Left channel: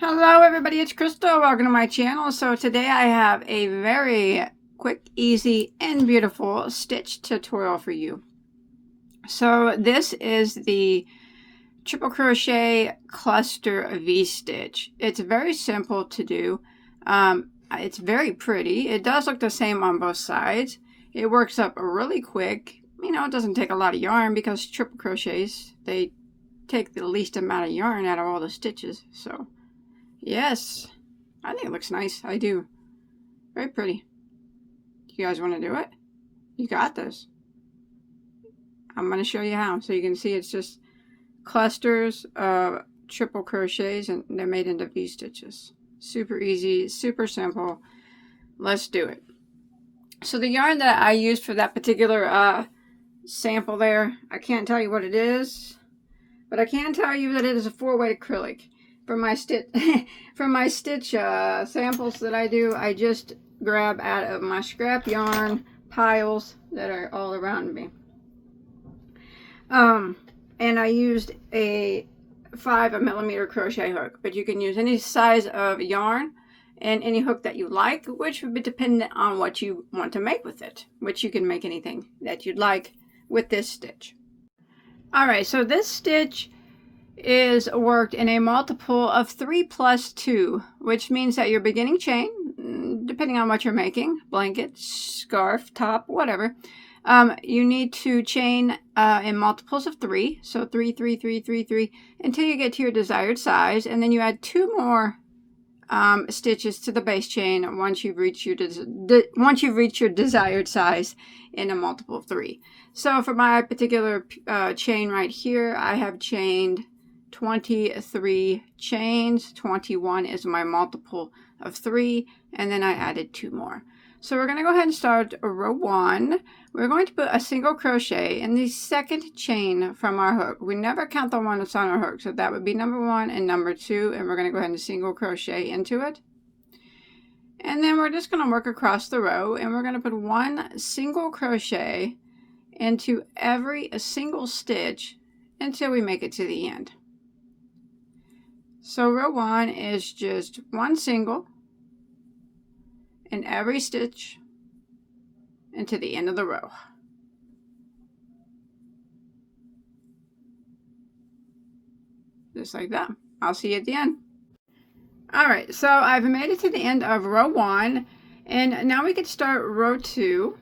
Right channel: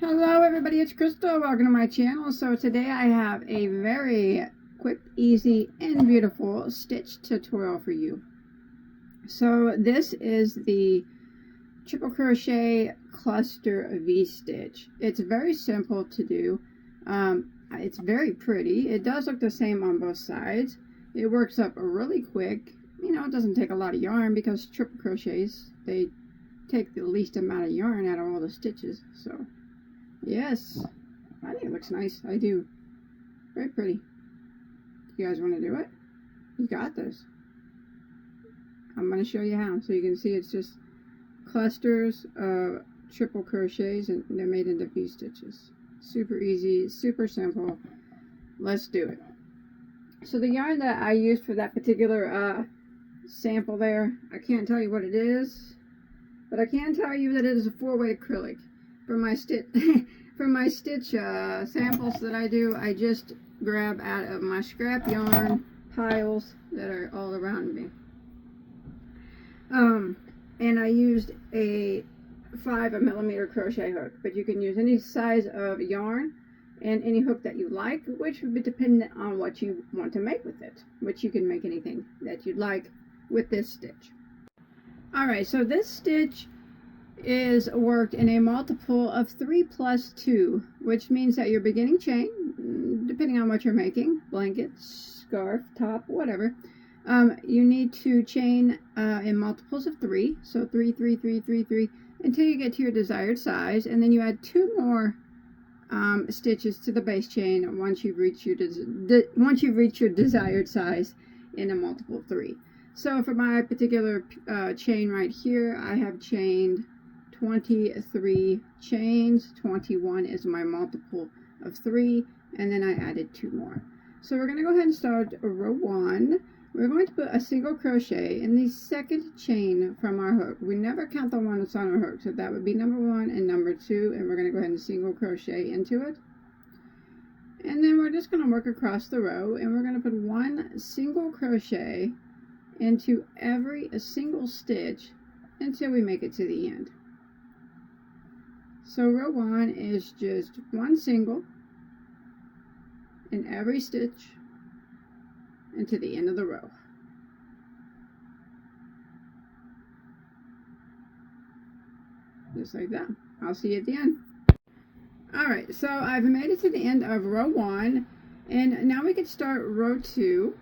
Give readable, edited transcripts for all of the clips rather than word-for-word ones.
Hello everybody, it's Crystal. Welcome to my channel. So today I have a very quick, easy, and beautiful stitch tutorial for you. So this is the triple crochet cluster V-stitch. It's very simple to do. It's very pretty. It does look the same on both sides. It works up really quick. You know, it doesn't take a lot of yarn because triple crochets, they take the least amount of yarn out of all the stitches. So yes, I think it looks nice. I do. Very pretty. You guys want to do it? You got this. I'm going to show you how. So you can see it's just clusters of triple crochets and they're made into V-stitches. Super easy, super simple. Let's do it. So the yarn that I used for that particular sample there, I can't tell you what it is, but I can tell you that it is a 4-weight acrylic. For my stitch samples that I do, I just grab out of my scrap yarn piles that are all around me. And I used a 5mm crochet hook, but you can use any size of yarn and any hook that you like, which would be dependent on what you want to make with it, which you can make anything that you'd like with this stitch. Alright, so this stitch is worked in a multiple of 3 plus 2, which means that your beginning chain, depending on what you're making, blanket, scarf, top, whatever, you need to chain in multiples of 3, so 3, 3, 3, 3, 3, until you get to your desired size, and then you add 2 more stitches to the base chain once you've reached your desired size in a multiple of 3. So for my particular chain right here, I have chained 23 chains. 21 is my multiple of 3, and then I added 2 more. So we're going to go ahead and start row 1. We're going to put a single crochet in the second chain from our hook. We never count the one that's on our hook, so that would be number 1 and number 2, and we're going to go ahead and single crochet into it. And then we're just going to work across the row, and we're going to put 1 single crochet into every single stitch until we make it to the end. So row 1 is just 1 single in every stitch into the end of the row. Just like that. I'll see you at the end. Alright, so I've made it to the end of row 1, and now we can start row 2,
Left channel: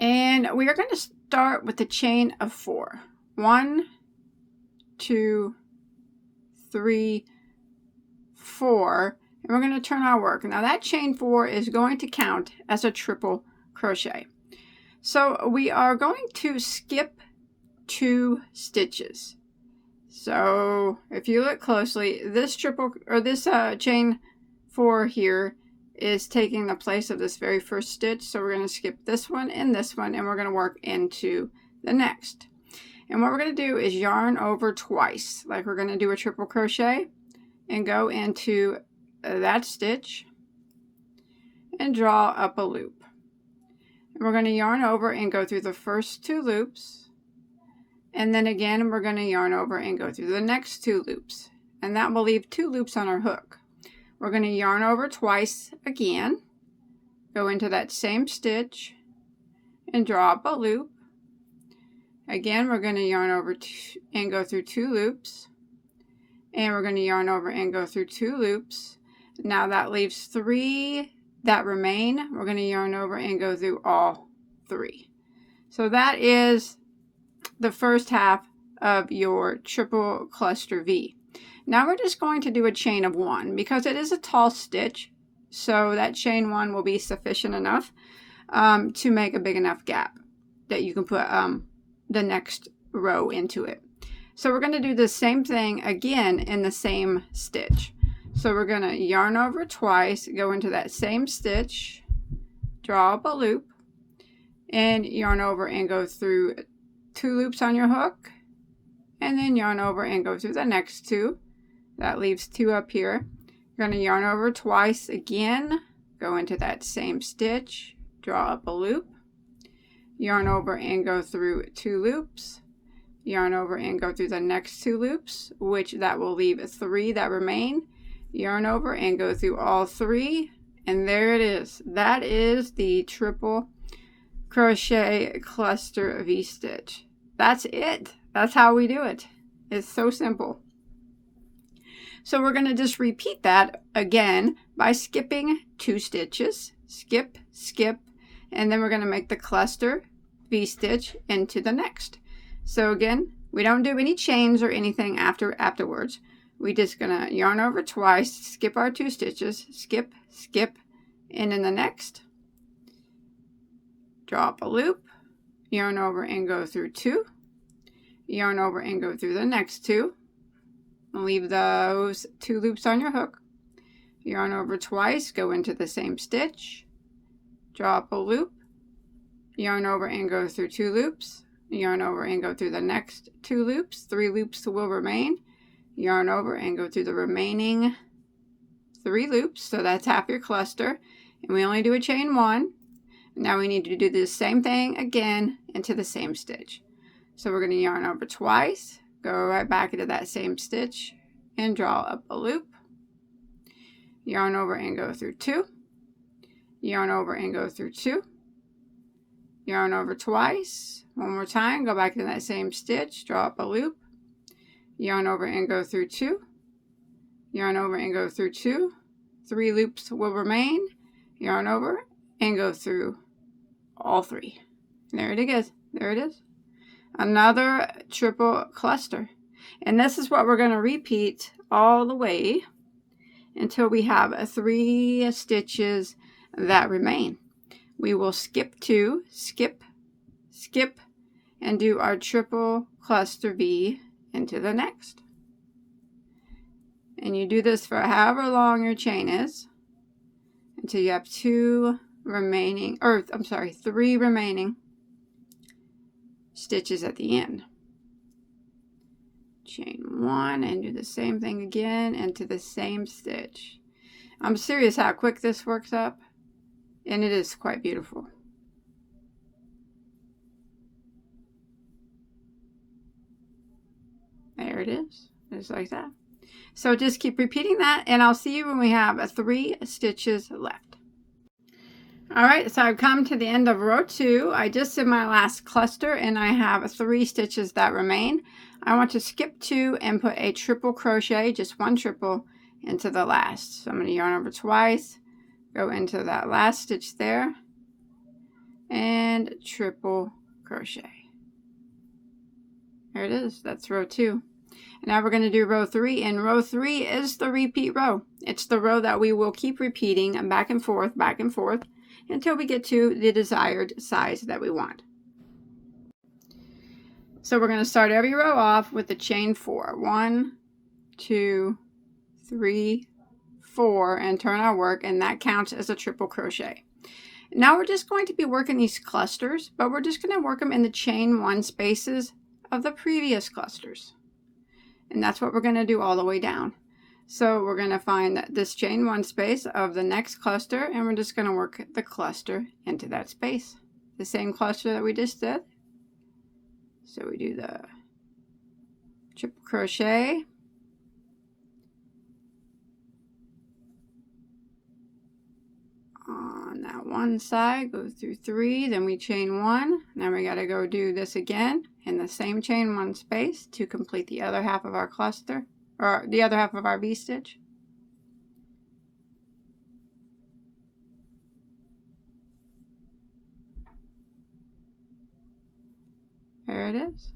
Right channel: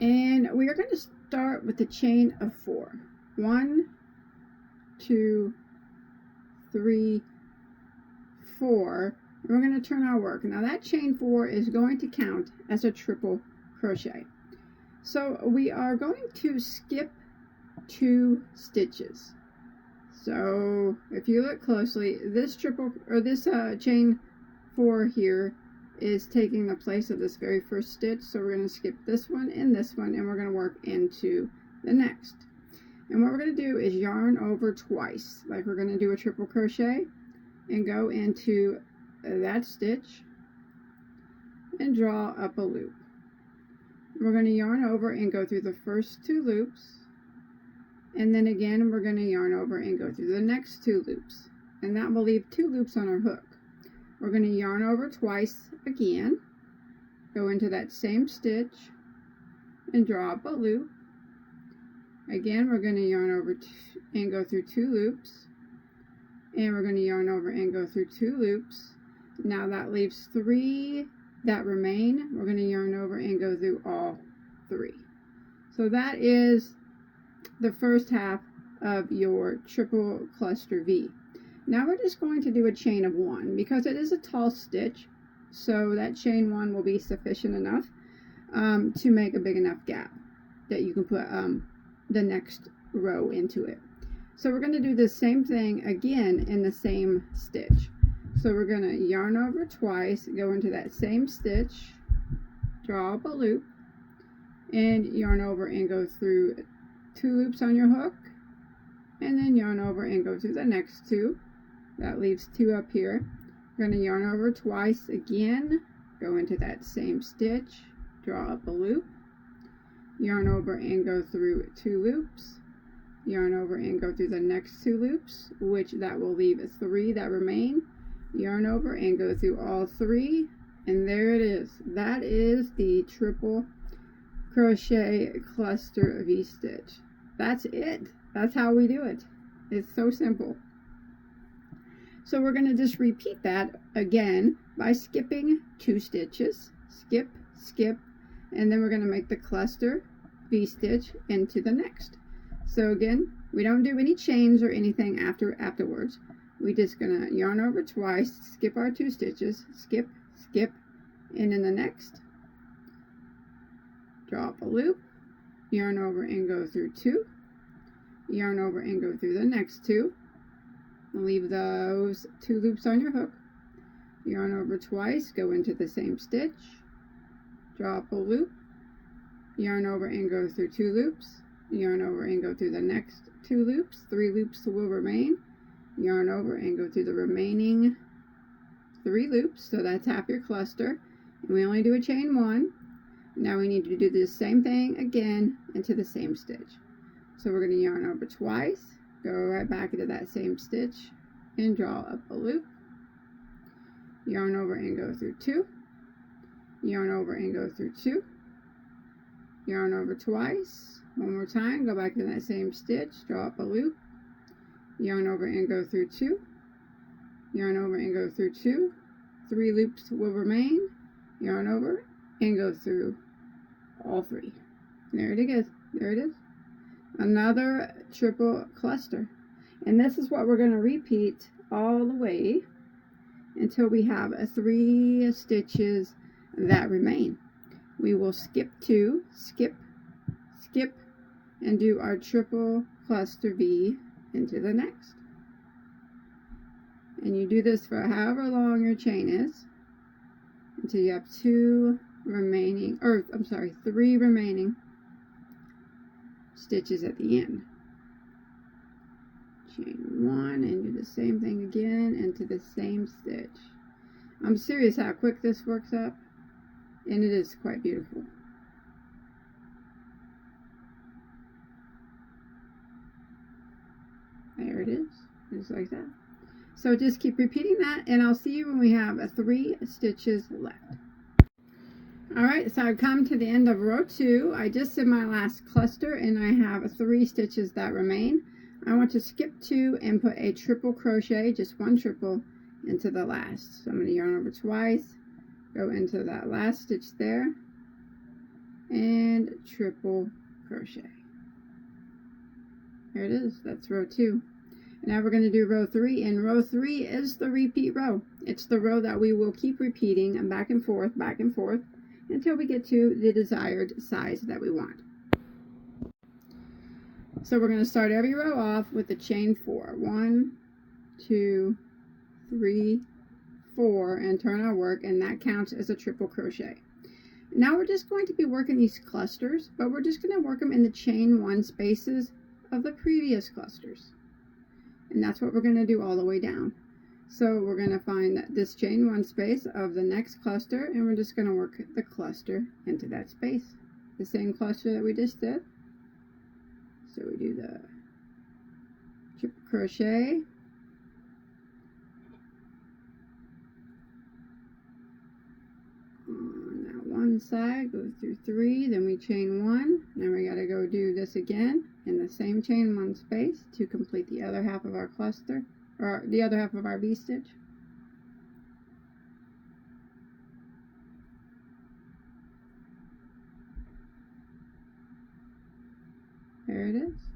and we are going to start with the chain of 4. 1, 2, 3, 4, and we're going to turn our work. Now that chain 4 is going to count as a triple crochet. So we are going to skip 2 stitches. So if you look closely, this chain 4 here is taking the place of this very first stitch. So we're going to skip this one, and we're going to work into the next. And what we're going to do is yarn over twice, like we're going to do a triple crochet, and go into that stitch and draw up a loop. And we're going to yarn over and go through the first 2 loops, and then again we're going to yarn over and go through the next 2 loops, and that will leave 2 loops on our hook. We're going to yarn over twice again, go into that same stitch and draw up a loop. Again, we're going to yarn over and go through 2 loops, and we're going to yarn over and go through 2 loops. Now that leaves 3 that remain. We're going to yarn over and go through all 3. So that is the first half of your triple cluster V. Now we're just going to do a chain of 1 because it is a tall stitch, so that chain 1 will be sufficient enough to make a big enough gap that you can put the next row into it. So we're going to do the same thing again in the same stitch. So we're going to yarn over twice, go into that same stitch, draw up a loop, and yarn over and go through 2 loops on your hook, and then yarn over and go through the next 2. That leaves 2 up here. We're going to yarn over twice again, go into that same stitch, draw up a loop, yarn over and go through 2 loops, yarn over and go through the next 2 loops, which that will leave 3 that remain, yarn over and go through all 3, and there it is. That is the triple crochet cluster V-stitch. That's it. That's how we do it. It's so simple. So we're going to just repeat that again by skipping 2 stitches. Skip, skip, and then we're going to make the cluster V-stitch into the next. So again, we don't do any chains or anything afterwards. We just gonna yarn over twice, skip our 2 stitches, skip, skip, and in the next, drop a loop, yarn over and go through 2, yarn over and go through the next 2, leave those 2 loops on your hook, yarn over twice, go into the same stitch, drop a loop, yarn over and go through 2 loops, yarn over and go through the next 2 loops, 3 loops will remain, yarn over and go through the remaining 3 loops, so that's half your cluster, and we only do a chain 1. Now we need to do the same thing again into the same stitch. So we're going to yarn over twice, go right back into that same stitch, and draw up a loop, yarn over and go through 2, yarn over and go through 2, yarn over twice, one more time, go back to that same stitch, draw up a loop, yarn over and go through 2, yarn over and go through 2, 3 loops will remain, yarn over and go through all 3. There it is. There it is. Another triple cluster. And this is what we're going to repeat all the way until we have 3 stitches that remain. We will skip 2, skip, skip, and do our triple cluster V into the next. And you do this for however long your chain is until you have 3 remaining stitches at the end. Chain 1 and do the same thing again into the same stitch. I'm serious how quick this works up, and it is quite beautiful. There it is, just like that. So just keep repeating that, and I'll see you when we have 3 stitches left. Alright, so I've come to the end of row 2. I just did my last cluster, and I have 3 stitches that remain. I want to skip 2 and put a triple crochet, just 1 triple, into the last. So I'm going to yarn over twice, go into that last stitch there, and triple crochet. There it is. That's row 2. Now we're going to do row 3, and row 3 is the repeat row. It's the row that we will keep repeating back and forth, until we get to the desired size that we want. So we're going to start every row off with the chain 4. 1, 2, 3, 4, and turn our work, and that counts as a triple crochet. Now we're just going to be working these clusters, but we're just going to work them in the chain 1 spaces of the previous clusters. And that's what we're going to do all the way down. So we're going to find this chain 1 space of the next cluster, and we're just going to work the cluster into that space. The same cluster that we just did. So we do the triple crochet, on that one side, go through 3, then we chain 1, then we got to go do this again in the same chain 1 space to complete the other half of our cluster, or the other half of our V-stitch. There it is.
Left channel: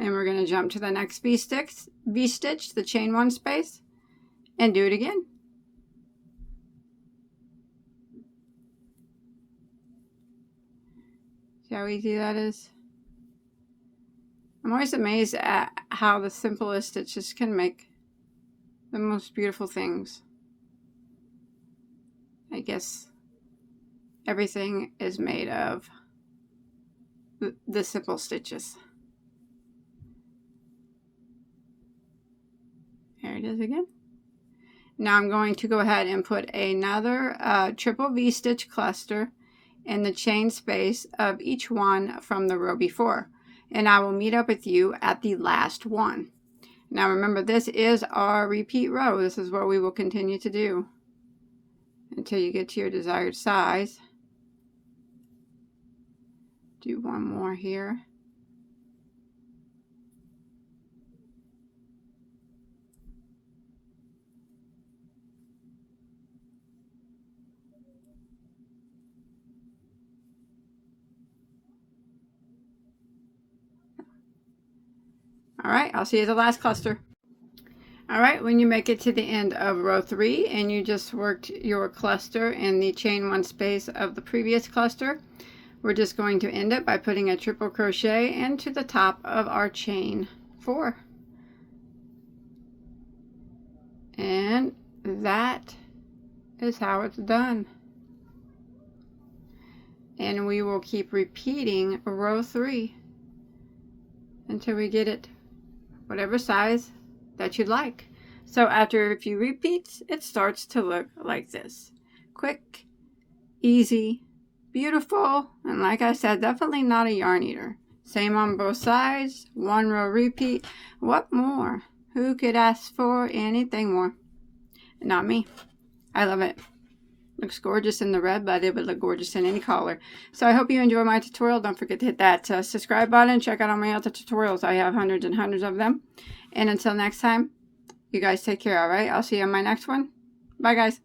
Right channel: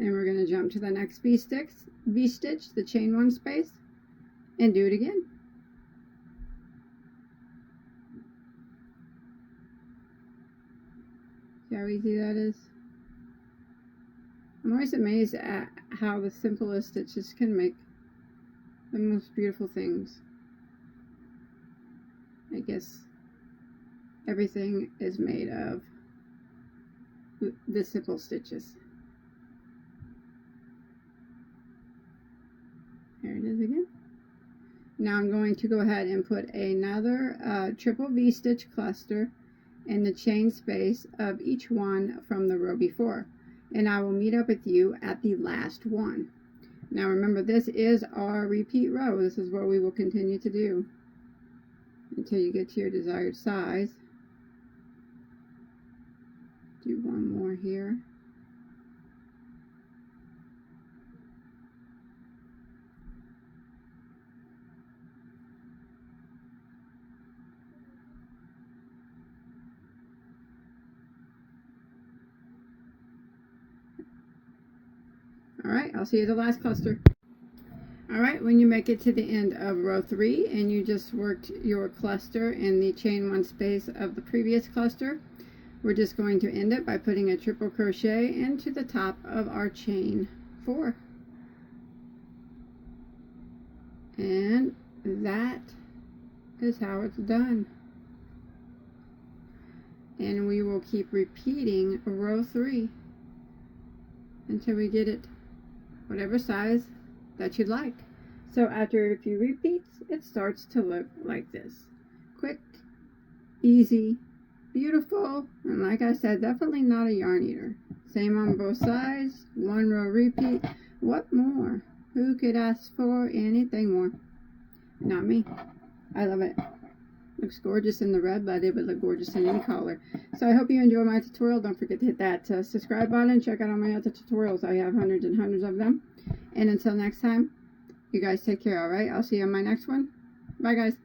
And we're going to jump to the next V-stitch, the chain 1 space, and do it again. See how easy that is? I'm always amazed at how the simplest stitches can make the most beautiful things. I guess everything is made of the simple stitches. There it is again. Now I'm going to go ahead and put another triple V-stitch cluster in the chain space of each one from the row before. And I will meet up with you at the last one. Now remember, this is our repeat row. This is what we will continue to do until you get to your desired size. Do one more here. Alright, I'll see you at the last cluster. Alright, when you make it to the end of row 3 and you just worked your cluster in the chain 1 space of the previous cluster, we're just going to end it by putting a triple crochet into the top of our chain 4. And that is how it's done. And we will keep repeating row 3 until we get it whatever size that you'd like. So after a few repeats, it starts to look like this. Quick, easy, beautiful, and like I said, definitely not a yarn eater. Same on both sides, 1 row repeat. What more? Who could ask for anything more? Not me. I love it. Looks gorgeous in the red, but it would look gorgeous in any color. So I hope you enjoy my tutorial. Don't forget to hit that subscribe button. Check out all my other tutorials. I have hundreds and hundreds of them. And until next time, you guys take care, all right? I'll see you on my next one. Bye, guys.